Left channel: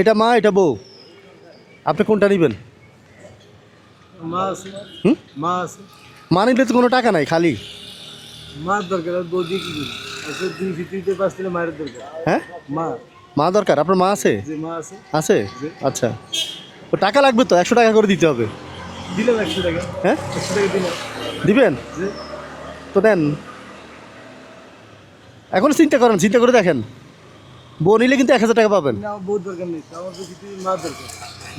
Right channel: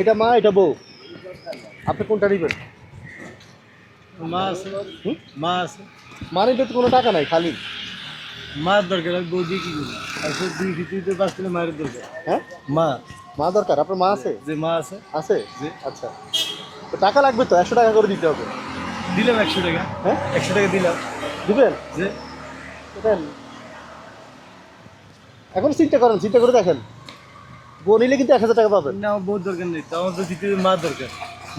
এটা মা, এটা বউ, আপনি কোনটা নেবেন? মা আছে, মা আছে। মা নিলে তো কোনো টাকা নাই, খালি মার দরকার, আমি বউ দিয়ে কি করি? আসলে 2 ফিটিতে 5 কিলো মায়ের দরকার। হ্যাঁ, মা, মা দরকার। আপনার মা আছে? যে মা আছে। আছে, জি। আচ্ছা। তো টাকা লাগবে তো, 100 টাকা করে দিতে হবে। দিলাম 100 টাকা। হ্যাঁ, 100 টাকা দিলাম। দিবেন? যে তো দেন। এখন চিন্তা করেন, চিন্তা করে দেখেন, বউ নিলে কিন্তু 1000 টাকা পাবেন। না, আমার বউর দরকার নেই তো, আমার তো দ্বিতীয় মা দরকার।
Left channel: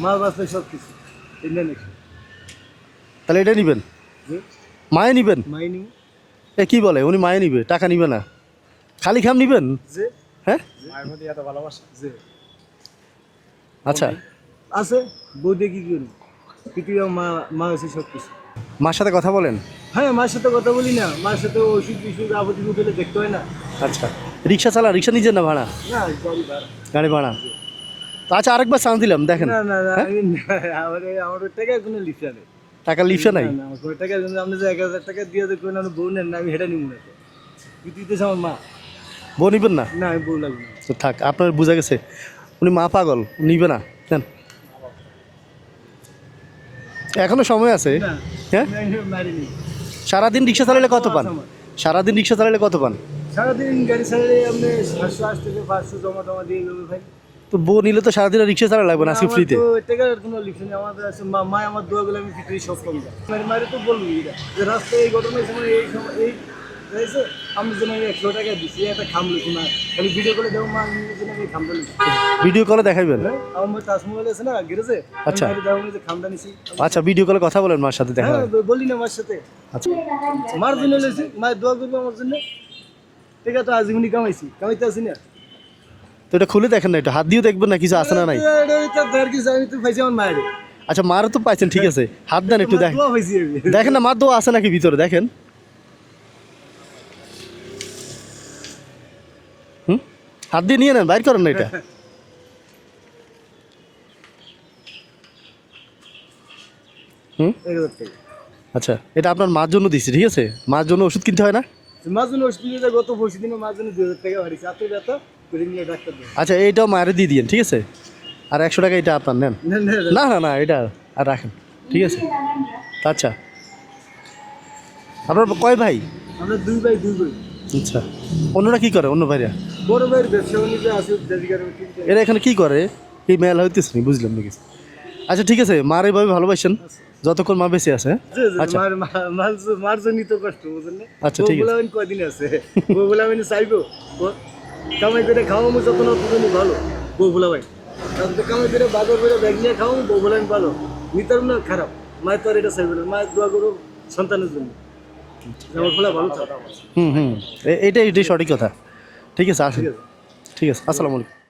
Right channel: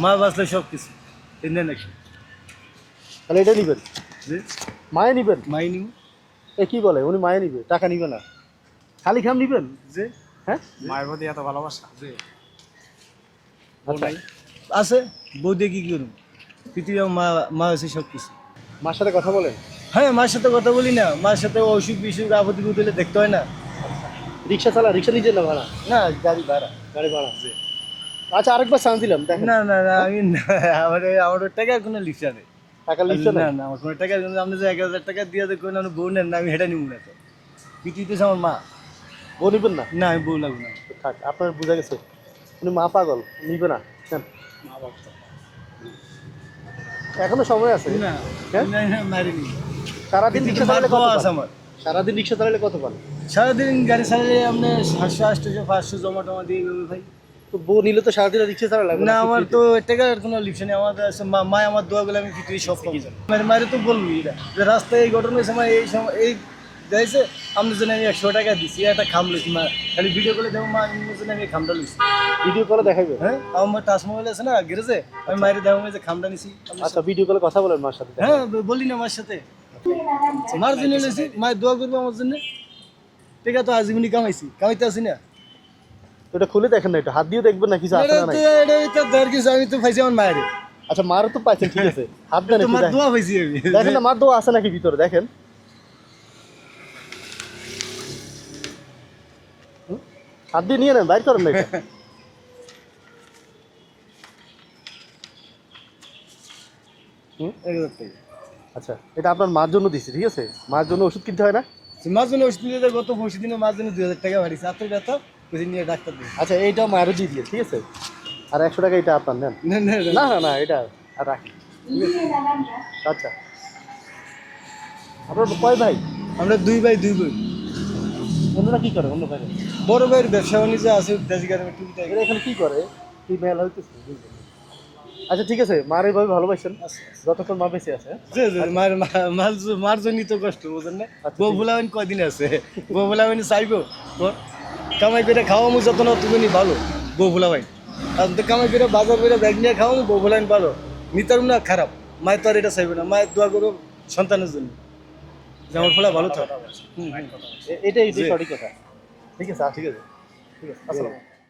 মা বাঁচলে সব কিছু। এই নেন 100। তাহলে এটা নিবেন? যে মায়ে নিবেন? মাই নিব। এ কি বলে, উনি মায়ে নিবে, টাকা নিবে না, খালি খাম নিবেন? যে হ্যাঁ, মায়ের প্রতি এত ভালোবাসা। যে আচ্ছা। আছে, বউ দিয়ে কি করব? পৃথিবীর মা, মা আছে সব কিছু। মার সাথে কথা বলেন? হ্যাঁ, মার সাথে কথা বলি না, মার সাথে অসুখ বিসুখ আপত্তি হলে দেখতে হয় না। আচ্ছা, রিক্সা চালা, রিক্সা নিজের না ভাড়া? না, গাড়ি ভাড়া। গাড়ি ভাড়া। তো আচ্ছা, আরেকবার চান্স দিলাম, দেখেন। না না না, আমি আমার টাকার কোনো লিপসা নেই। টাকার লিপসা নাই? না, আমার কোনো টাকার জন্য আপনি যে 1000 টাকা দিয়ে দেখুন, আমি বউ নেন না, আমি হেঁটে নিব না। পৃথিবীতে আমার মা। বউ নিবেন না? না, আমি বউ লাগবে না। তো থাক, আপনার বোঝা গেছে উনি মা পাগল, নিবে না। দেন, এখনো সময় আছে। না, হ্যাঁ, মারিনি। সারাদিন রিক্সা চালালে কত পান? আমার সারাদিন রিক্সা চালালে কত পান? সারাদিন গাড়ি চালালে আপনি 700 800 500 জমা টমা দিয়ে গেবে ভাই। তো বউ নিলে তো সারাদিন রিক্সা চালা লাগবে না, আজকে আমার ফ্রিতে। তো টাকার কোনো লিপসা নেই। আমাদের আছে মা, আমার দোয়াগুলো আমি পৃথিবী সব পেয়ে যাই। মায়ের তো বলবি এটা যে রাস্তায় এই ঘটনার সময় এই সময় এই যাইছে, আমি জন্য আমি 100 টাকা দিছি, একটা খাম লইছি। মা খালি ভিডিও করে দেখো, মা জন্য আমি খামটা লইছি। ভিডিও কলে দেখাইবেন? হ্যাঁ, আমার টাচ মোবাইল আছে না গ্যারেজে, আমি বাইরে দেখো যে খামটা নিছি। আচ্ছা, ভিডিও কলে কথা বলেন মার সাথে, দেখা হ্যাঁ, বলি না মার সাথে। আচ্ছা, মার জন্য লইছি, মায়ের দোয়া করবো আমার জন্য। ঠিক আছে, তো আজীবনী কামাইতে আসি না। তো এটা খুলে দেখেন না, এটা হাত দিয়ে দেখবেন না কিছু আছে না নাই? এটা ধর কিছু, আমি তো পাইছি আমার মায়ের। আচ্ছা, মারও তো পাইছেন, ঠিক আছে, হাত দেন একটু, তোমার দেখেন। দোয়া পাইছি আমি। দেখেন না, মার দোয়া আছে নাকি ভিতরে, দেখেন। হুম, হাত দিয়ে নিয়ে নেন, বাইর করেন না এটা। হুম, 1000 টাকা। আচ্ছা, এটা আপনার মার জন্য দিচ্ছি, ঠিক আছে? মার জন্য ওষুধ কিনতে হয় না? মার জন্য ওষুধ নিয়ে গত 25 দিনে মার জন্য 2000 টাকা বাড়িছে। এত ব্যথা, ওই নিয়ে ডাক্তার দিয়ে। আচ্ছা, এইটাও মায়ের দিয়ে দিন, ঠিক আছে? আর 100 টাকা এটা আপনার নেন। না না না না না, এটা আর রাখেন, ঠিক আছে? আচ্ছা, আপনার কয় ভাই? আমরা 2 ভাই 2 বোন। আচ্ছা, অন্যরা কি করে, অন্য ভাইরা? বড় ভাইয়ের ব্যবসা বাণিজ্য আছে, দেশি গাড়ি টিভিতে। এরা এখানে কি করে? এই মেলা হইতেছে না, বুঝলাম নাকি? আচ্ছা, ঠিক আছে, মার এভাবে ভালোবাসেন যতক্ষণ মা বেঁচে আছে। জি জি, মার জন্যই তো কষ্ট, বুঝেন না? আচ্ছা, বউ ঠিক আছে। বলাবেন কয়দিন আছে? বউ বলাবেন চাইবো কামাই করে খাওয়ামো যত না ততদিনই ভালো। বউ বলাবেন আর যদি কামাই করে বারবার করে ব্যাগ নিয়ে খাওয়ামো, বউ বলাবেন ভালো। নিতাম না খারাপ। মায়ের তো আর এটা চাইবে না, মায়ের দোয়া করো সন্তানের জন্য যেমন ফলে ভালো থাকে। হুম হুম, এটাই সঠিক কথা। ঠিক আছে, আসুন। ঠিক আছে। ঠিক আছে, আসসালামু আলাইকুম।